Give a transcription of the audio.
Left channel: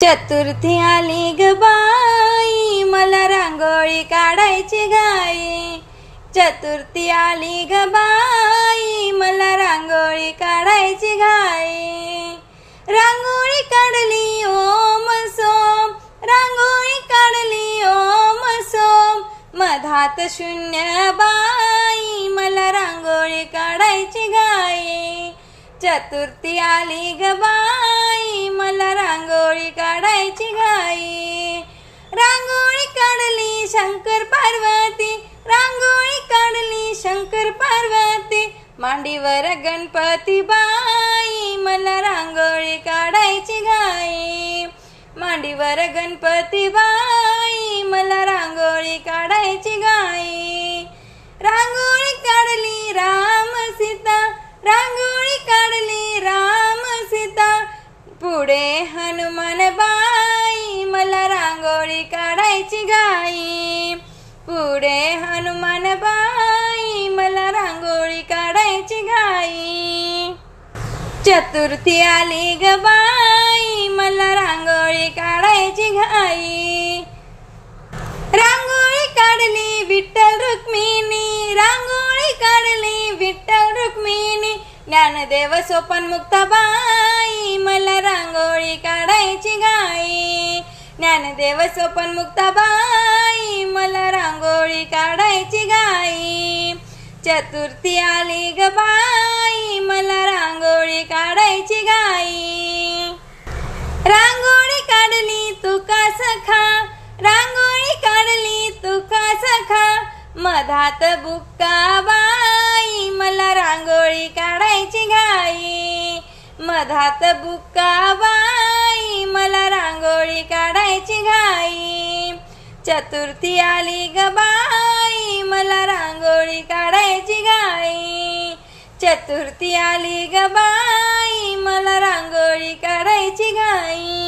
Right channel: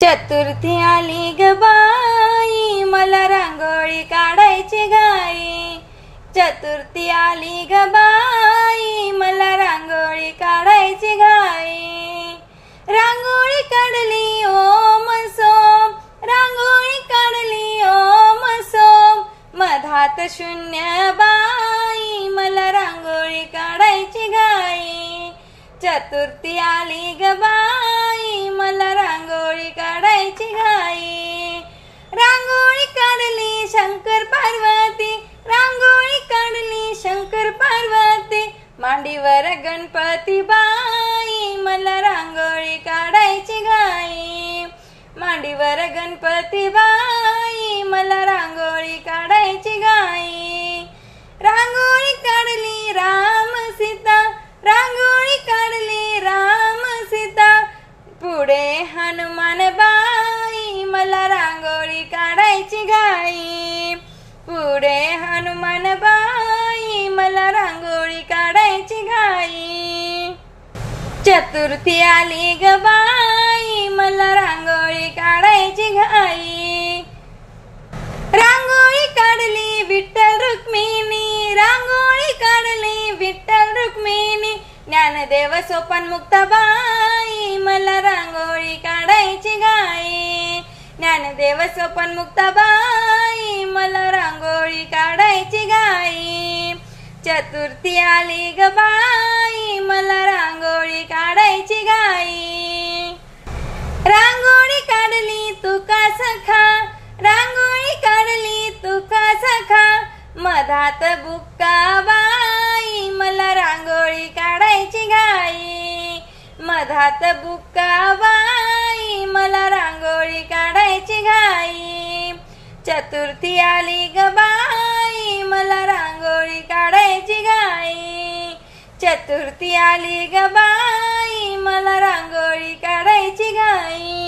चतुर्थी आली ग बाई, मला रांगोळी काढायची घाई. चतुर्थी आली ग बाई, मला रांगोळी काढायची घाई. रांगोळी काढली ओम सोम, रांगोळी काढली ओम सोम. मधात शून्य बाई, मला रांगोळी काढायची घाई. चतुर्थी आली ग बाई, मला रांगोळी काढायची घाई. रांगोळी काढली शंकर पार्वती, रांगोळी काढली शंकर पार्वती. मांडीवर गणपती बाई, मला रांगोळी काढायची घाई. मांडीवर गणपती बाई, मला रांगोळी काढायची घाई. रांगोळी काढली राम सीता, रांगोळी काढली राम सीता. पुढे हनुमान बाई, मला रांगोळी काढायची घाई. पुढे हनुमान बाई, मला रांगोळी काढायची घाई. चतुर्थी आली ग बाई, मला रांगोळी काढायची घाई. रांगोळी काढली विठ्ठल रुक्मिणी, रांगोळी काढली विठ्ठल रुक्मिणी. ज्ञानदेव सोपान मुक्ताबाई, मला रांगोळी काढायची घाई. ज्ञानदेव सोपान मुक्ताबाई, मला रांगोळी काढायची घाई. चतुर्थी आली ग बाई, मला रांगोळी काढायची घाई. रांगोळी काढली तुका सखा, रांगोळी काढली तुका सखा. मधात बुक्का बाई, मला रांगोळी काढायची घाई. मधात बुक्का बाई, मला रांगोळी काढायची घाई. चतुर्थी आली ग बाई, मला रांगोळी काढायची घाई. चतुर्थी आली ग बाई, मला रांगोळी काढायची घाई.